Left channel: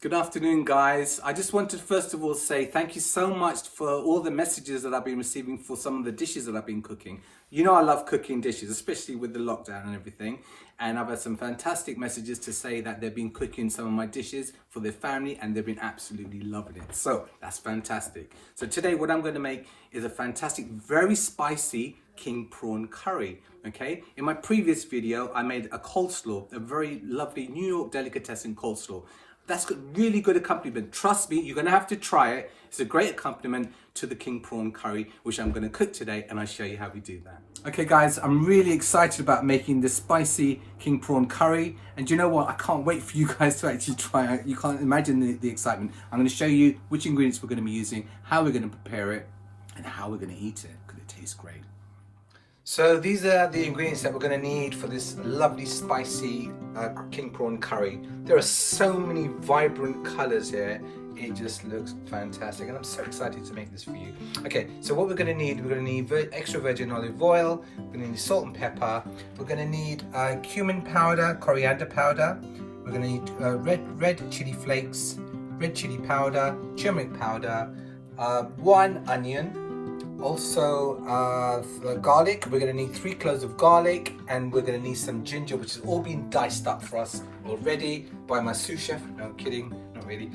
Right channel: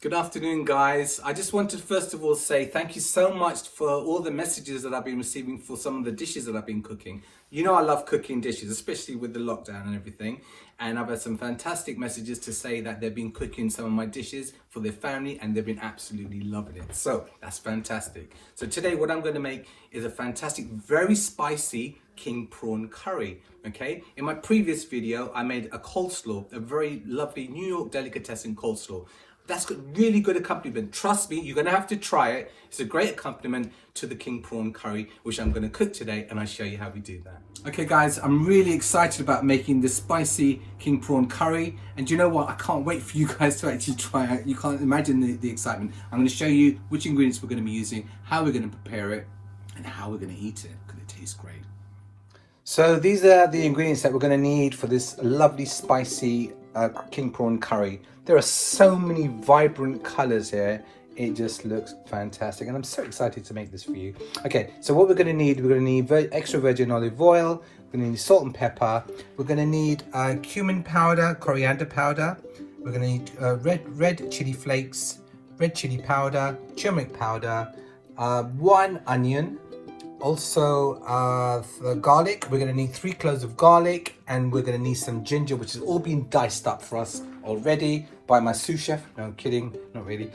Good afternoon, guys. I just wanted to first of all say thank you so much for all the messages that I've been receiving for some of the dishes that I've been cooking. You know I love cooking dishes, especially with the lockdown and everything. And I've had some fantastic messages to say that they've been cooking some of my dishes for their family and they've been absolutely loving it. So that's fantastic. So today what I'm going to make is a fantastic, very spicy king prawn curry. Okay, in my previous video, I made a coleslaw, a very lovely New York delicatessen coleslaw. That's got really good accompaniment. Trust me, you're gonna have to try it. It's a great accompaniment to the king prawn curry, which I'm gonna cook today, and I'll show you how we do that. Okay guys, I'm really excited about making the spicy king prawn curry. And you know what? I can't wait for you guys to actually try it. You can't imagine the excitement. I'm gonna show you which ingredients we're gonna be using, how we're gonna prepare it, and how we're gonna eat it, because it tastes great. So these are the ingredients that we're going to need for this lovely spicy king prawn curry. There are so many vibrant colors here. It just looks fantastic and I'm so excited to make this for you. Okay, so what we're going to need extra virgin olive oil, we're going to need salt and pepper, we're going to need cumin powder, coriander powder, we're going to need red chili flakes, red chili powder, turmeric powder, 1 onion, also garlic. We're going to need 3 cloves of garlic, and we're going to need some ginger, which has all been diced up for us already by my sous chef. No kidding, not really.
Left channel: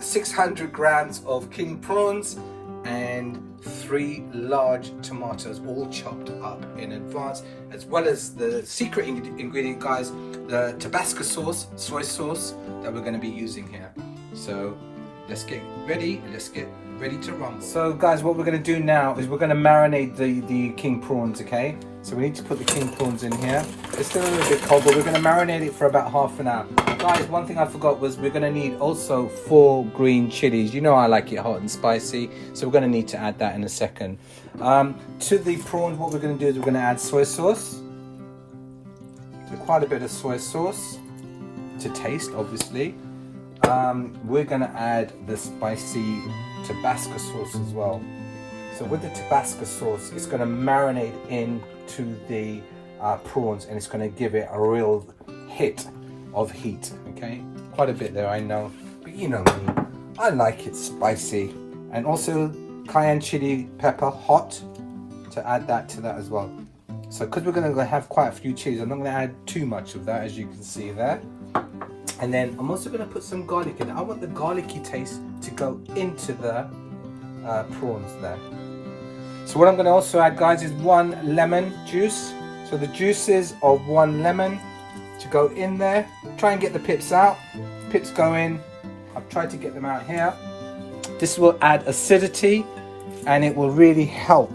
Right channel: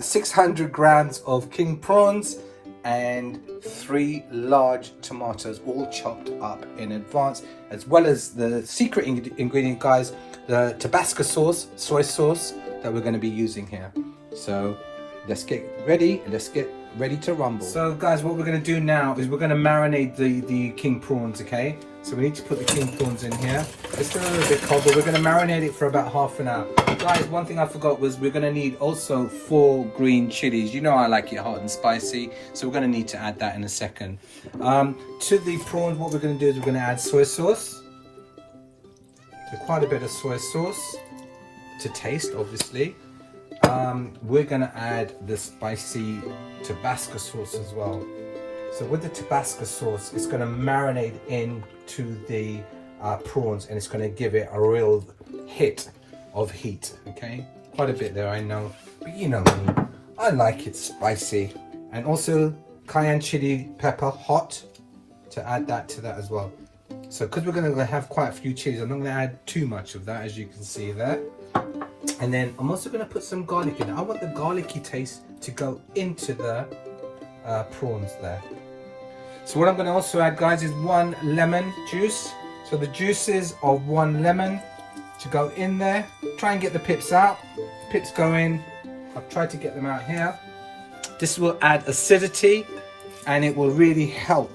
600 grams of king prawns and 3 large tomatoes, all chopped up in advance, as well as the secret ingredient, guys, the Tabasco sauce, soy sauce that we're going to be using here. So let's get ready to rumble. So guys, what we're going to do now is we're going to marinate the king prawns, okay? So we need to put the king prawns in here. It's still a little bit cold, but we're going to marinate it for about half an hour. Guys, one thing I forgot was we're going to need also 4 green chilies. You know I like it hot and spicy, so we're going to need to add that in a second. To the prawns, what we're going to do is we're going to add soy sauce. So quite a bit of soy sauce to taste, obviously. We're going to add the spicy Tabasco sauce as well. So with the Tabasco sauce, it's going to marinate into the prawns, and it's going to give it a real hit of heat. Okay, quite a bit there, I know, but you know me, I like it spicy. And also cayenne chili pepper, hot, to add that to that as well. So because we're going to have quite a few chilies, I'm not going to add too much of that, as you can see there. And then I'm also going to put some garlic in it. I want the garlicky taste to go into the prawns there. So what I'm going to also add, guys, is 1 lemon juice. So the juices of 1 lemon to go in there. Try and get the pips out. Pips go in. I've tried to get them out here. This will add acidity and it will really help.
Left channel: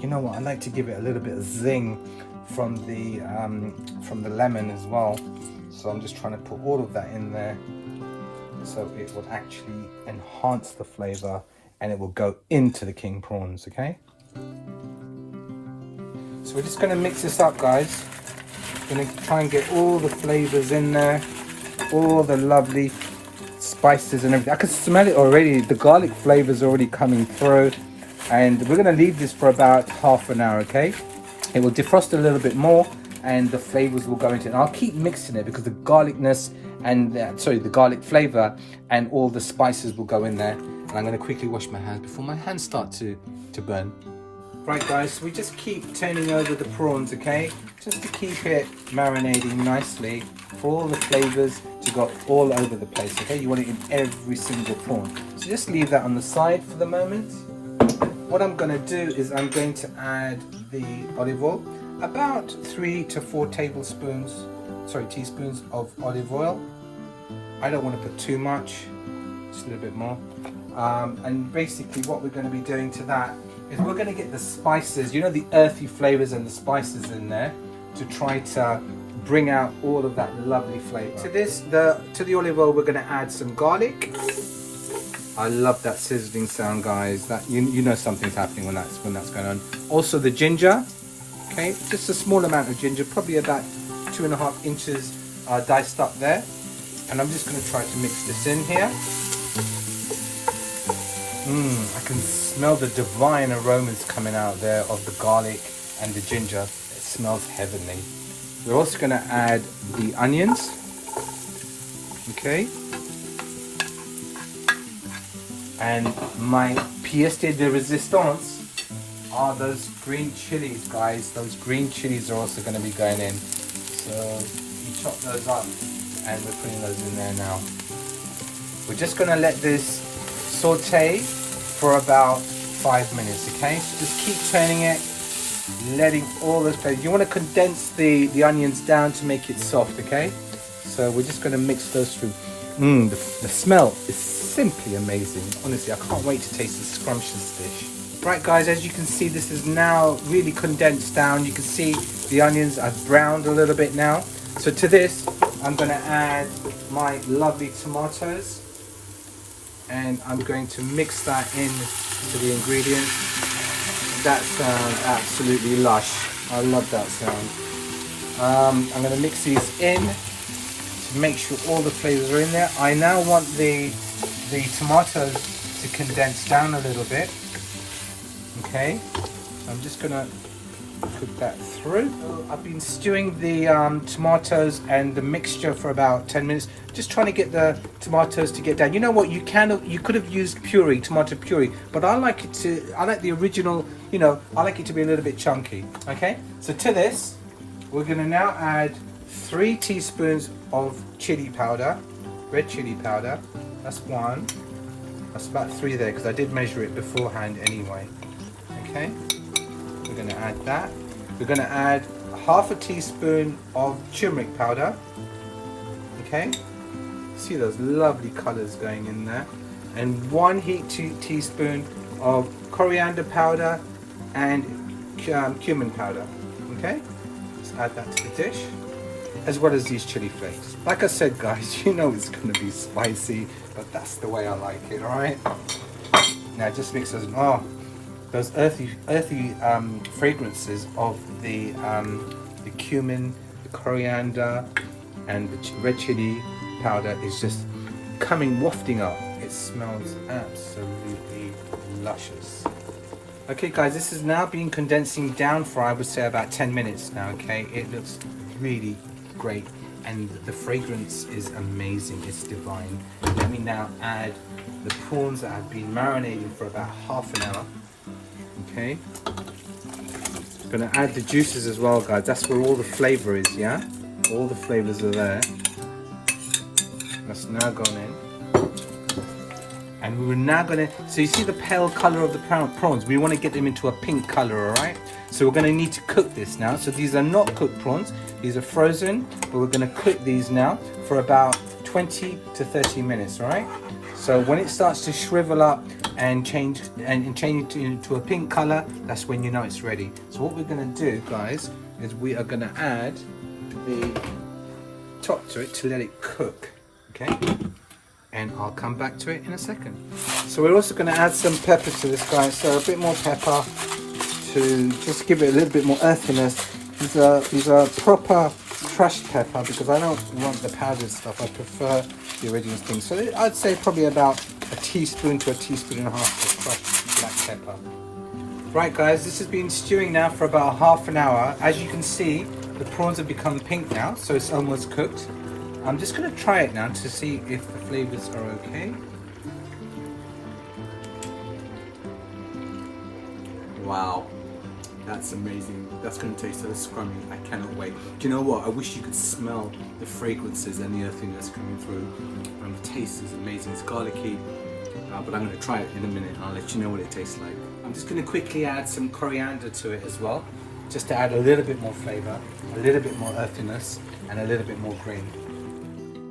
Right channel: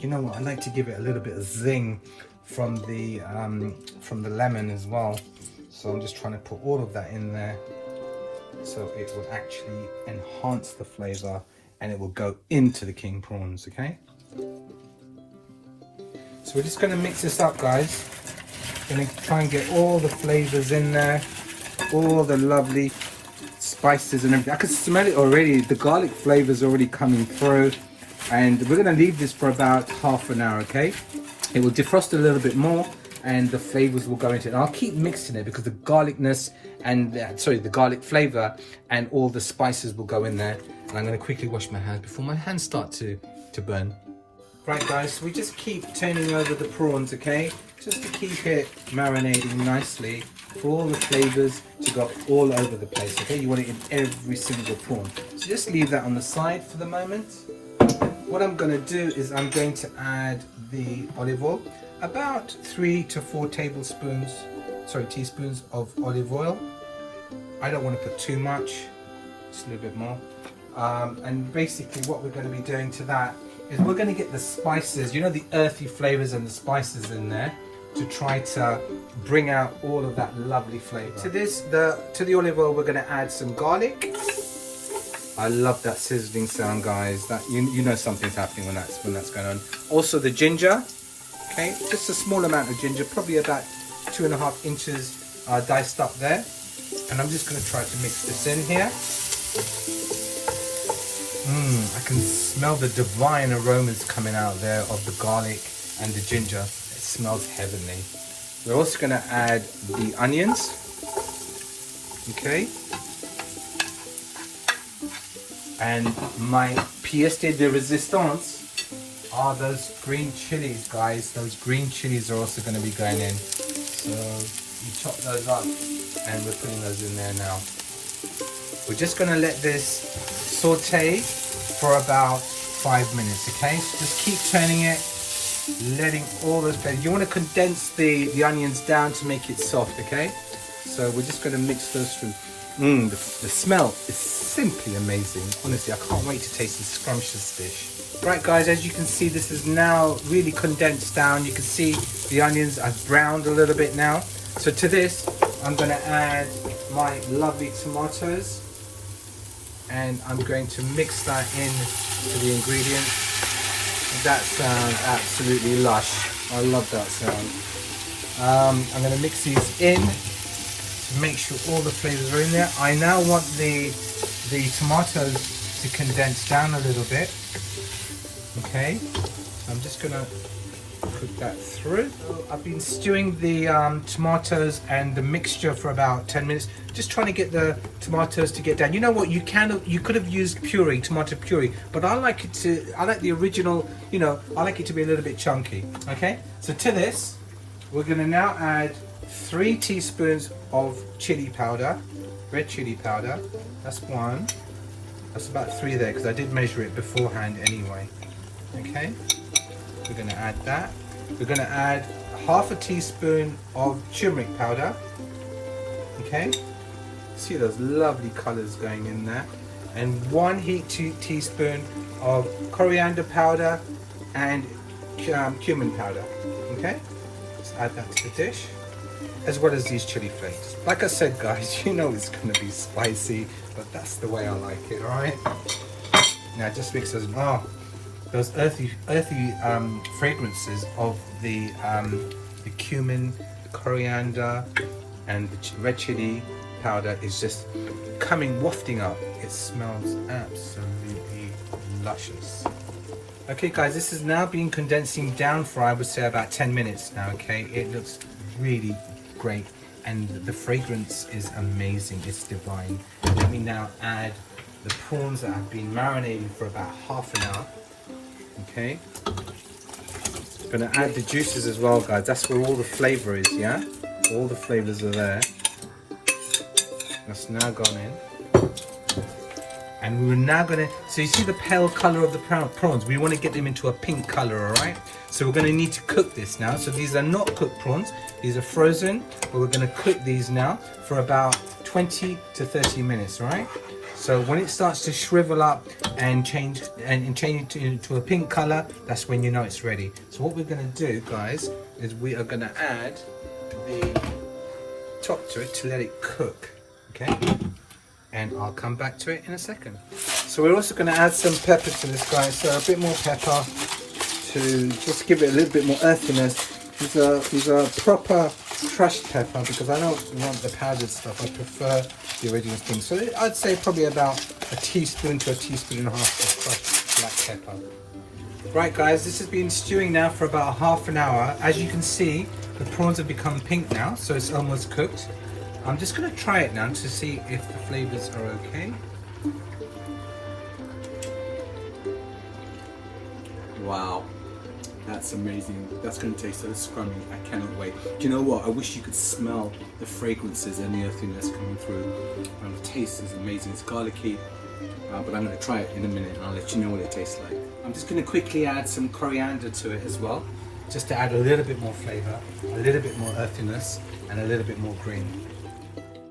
You know what? I like to give it a little bit of zing from the lemon as well. So I'm just trying to put all of that in there, so it will actually enhance the flavor and it will go into the king prawns, okay? So we're just going to mix this up, guys. Going to try and get all the flavors in there, all the lovely spices and everything. I can smell it already. The garlic flavors already coming through, and we're going to leave this for about half an hour, okay? It will defrost a little bit more and the flavors will go into it. And I'll keep mixing it because the garlicness and the garlic flavor and all the spices will go in there. And I'm going to quickly wash my hands before my hands start to burn. Right guys, so we just keep turning over the prawns, okay? Just to keep it marinating nicely for all the flavors to go all over the place, okay? You want it in every single prawn. So just leave that on the side for the moment. What I'm going to do is I'm going to add the olive oil. About 3 to 4 teaspoons of olive oil. I don't want to put too much, just a little bit more. And basically what we're going to be doing to that is we're going to get the spices, you know, the earthy flavors and the spices in there, to try to bring out all of that lovely flavor. To the olive oil, we're going to add some garlic. I love that sizzling sound, guys. That you know something's happening when that's going on. Also the ginger. Okay, just a small amount of ginger, probably about 2.5 inches diced up there. And I'm just going to try to mix this in here. I can smell the divine aromas coming out there of the garlic and the ginger. It smells heavenly. We're also going to add the onions. Okay. And my pièce de résistance are those green chilies, guys. Those green chilies are also going to be going in. So you chop those up and we're putting those in there now. We're just going to let this saute for about 5 minutes, okay? So just keep turning it, letting all the flavor. You want to condense the onions down to make it soft, okay? So we're just going to mix those through. The smell is simply amazing. Honestly, I can't wait to taste this scrumptious dish. Right guys, as you can see, this is now really condensed down. You can see the onions are browned a little bit now. So to this, I'm going to add my lovely tomatoes. And I'm going to mix that in to the ingredients. That sounds absolutely lush. I love that sound. I'm going to mix these in to make sure all the flavors are in there. I now want the tomatoes to condense down a little bit. Okay, I'm just going to cook that through. I've been stewing the tomatoes and the mixture for about 10 minutes, just trying to get the tomatoes to get down. You know what, you could have used puree, tomato puree, but I like the original, you know, I like it to be a little bit chunky. Okay, so to this we're going to now add 3 teaspoons of chili powder, red chili powder. That's 1. That's about 3 there because I did measure it beforehand anyway. Okay, we're going to add that. We're going to add half a teaspoon of turmeric powder. Okay, see those lovely colors going in there. And 1 teaspoon of coriander powder and cumin powder. Okay, let's add that to the dish, as well as these chili flakes. Like I said, guys, you know it's going to be spicy, but that's the way I like it. All right, now just mix those earthy fragrances of the cumin, the coriander, and the red chili powder is just coming wafting up. It smells absolutely luscious. Okay guys, this has now been condensing down for, I would say, about 10 minutes now. Okay, it looks really great and the fragrance is amazing. It's divine. Let me now add the prawns that have been marinating for about half an hour. Okay, I'm gonna add the juices as well, guys. That's where all the flavor is, yeah? All the flavors are there. That's now gone in. And we're now gonna, so you see the pale color of the prawns? We wanna get them into a pink color, all right? So we're gonna need to cook this now. So these are not cooked prawns, these are frozen, but we're gonna cook these now for about 20 to 30 minutes, all right? So when it starts to shrivel up and change it into a pink color, that's when you know it's ready. So what we're gonna do, guys, is we are gonna add the top to it to let it cook, okay? And I'll come back to it in a second. So we're also gonna add some pepper to this, guys. So a bit more pepper to just give it a little bit more earthiness. These are proper crushed pepper because I don't want the powdered stuff. I prefer the original thing. So I'd say probably about a teaspoon to a teaspoon and a half of crushed black pepper. Right guys, this has been stewing now for about half an hour. As you can see, the prawns have become pink now, so it's almost cooked. I'm just going to try it now to see if the flavors are okay. Wow. That's amazing. That's going to taste so scrummy. I cannot wait. Do you know what? I wish you could smell the fragrances and the other thing that's coming through. And the taste is amazing. It's garlicky. But I'm going to try it in a minute and I'll let you know what it tastes like. I'm just going to quickly add some coriander to it as well. Just to add a little bit more flavor, a little bit more earthiness, and a little bit more green.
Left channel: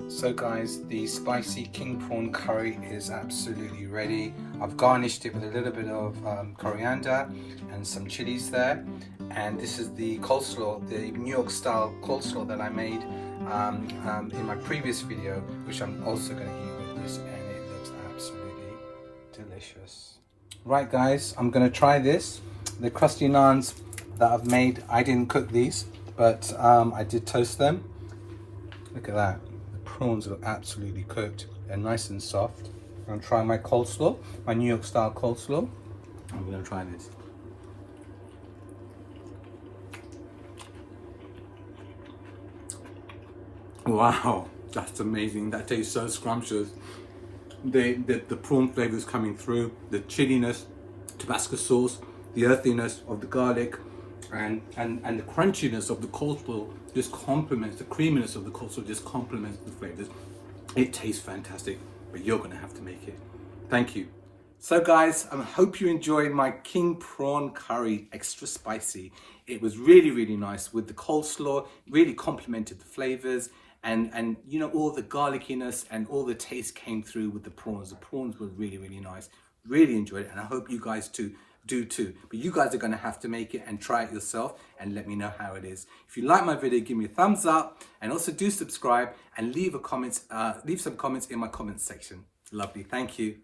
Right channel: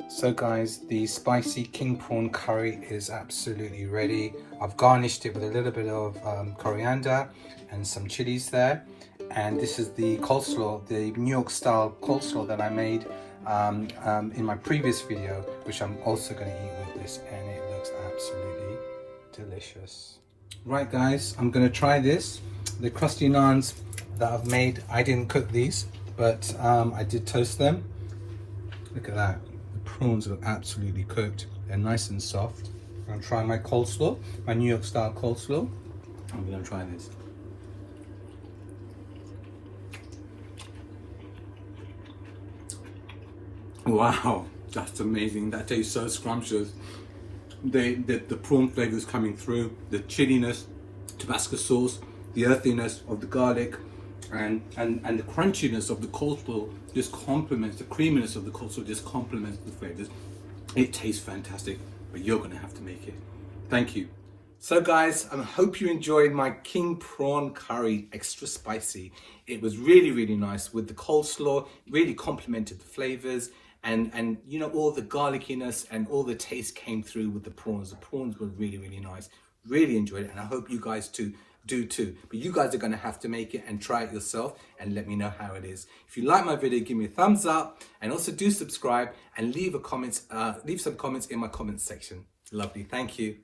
So guys, the spicy king prawn curry is absolutely ready. I've garnished it with a little bit of coriander and some chilies there. And this is the coleslaw, the New York style coleslaw that I made in my previous video, which I'm also going to eat with this, and it looks absolutely delicious. Right guys, I'm going to try this. The crusty naans that I've made, I didn't cook these, but I did toast them. Look at that. Prawns are absolutely cooked. They're nice and soft. I'm going to try my coleslaw, my New York style coleslaw. I'm going to try this. Wow, That's amazing. That tastes so scrumptious. The prawn flavors coming through, the chiliness, Tabasco sauce, the earthiness of the garlic, and the crunchiness of the coleslaw just complements, the creaminess of the coleslaw just complements the flavors. It tastes fantastic, but you're gonna have to make it. Thank you. So guys, I hope you enjoyed my king prawn curry, extra spicy. It was really, really nice with the coleslaw, really complemented the flavors, and you know, all the garlickiness and all the taste came through with the prawns. The prawns were really, really nice. Really enjoyed it, and I hope you guys do too. But you guys are gonna have to make it and try it yourself and let me know how it is. If you like my video, give me a thumbs up, and also do subscribe and leave some comments in my comments section. Lovely, thank you.